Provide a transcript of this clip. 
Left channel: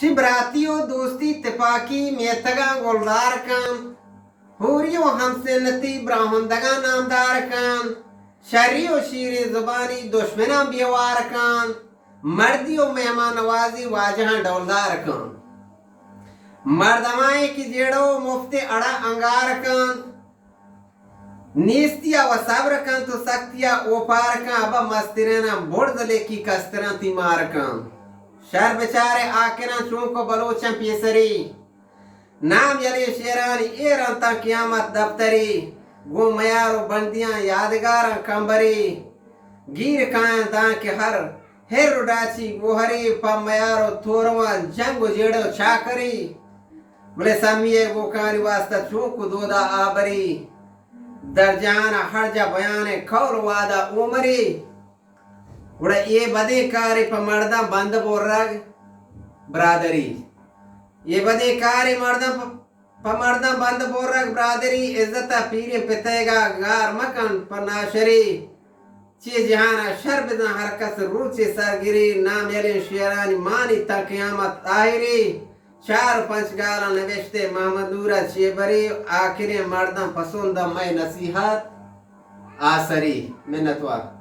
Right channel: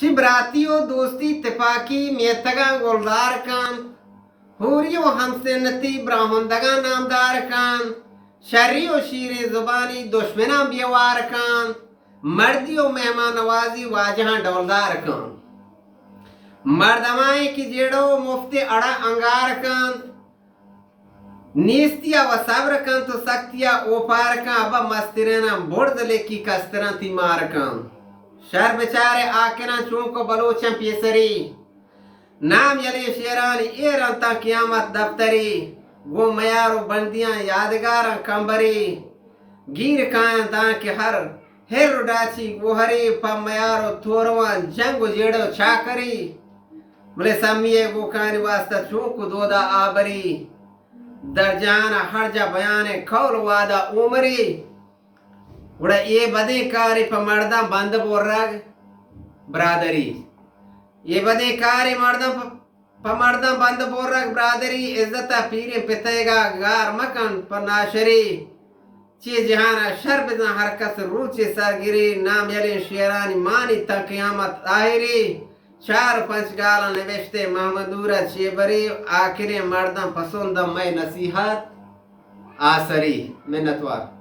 چی براتیو دوستی تپاکی میتگا گلدار کن ہوریو ہمسنتی براہندگا نامدار کن شری و شیر زبانی دشمنان بیوار کن مردی و مہمان نوازی واجہاں ڈولدار کن مردمائی کی جیڑو مفتی اڑا انگار کن نیستیا و صبر کن تو سختیا اوپار کن ابا مسترنا برد لیکی کسترن تی مار کن شر بچارے آکران چونکو بلوچن پیسری نام یلی شیرانی ایران تا قیامت دفتری گو میارو بندیاں یادگارا کمبری گیر کائن تاکہ ہر ڈاچی گوہری پا میارو توروان جنگو جیڑو چاکری بلے سمیے گو کانی واسطہ چونکو دودا آبری در جانا ہر جا بیان کول وادا عمری وڑا یہ بدی کاری پا مردم بند بور رگ برادری یہ بدی کاری پا مردم بند بور رگ برادری عزتا پیری پتے گا گار مکن پا ناشری چی جہانا شر بدن ہر کس روچی سرگری نام یلی شیرانی مانی تا قیامت آہری 4-5 گالا نوشتے محمدورہ چیبری آخری مردم پسندم میں نصیحت آسری منتوار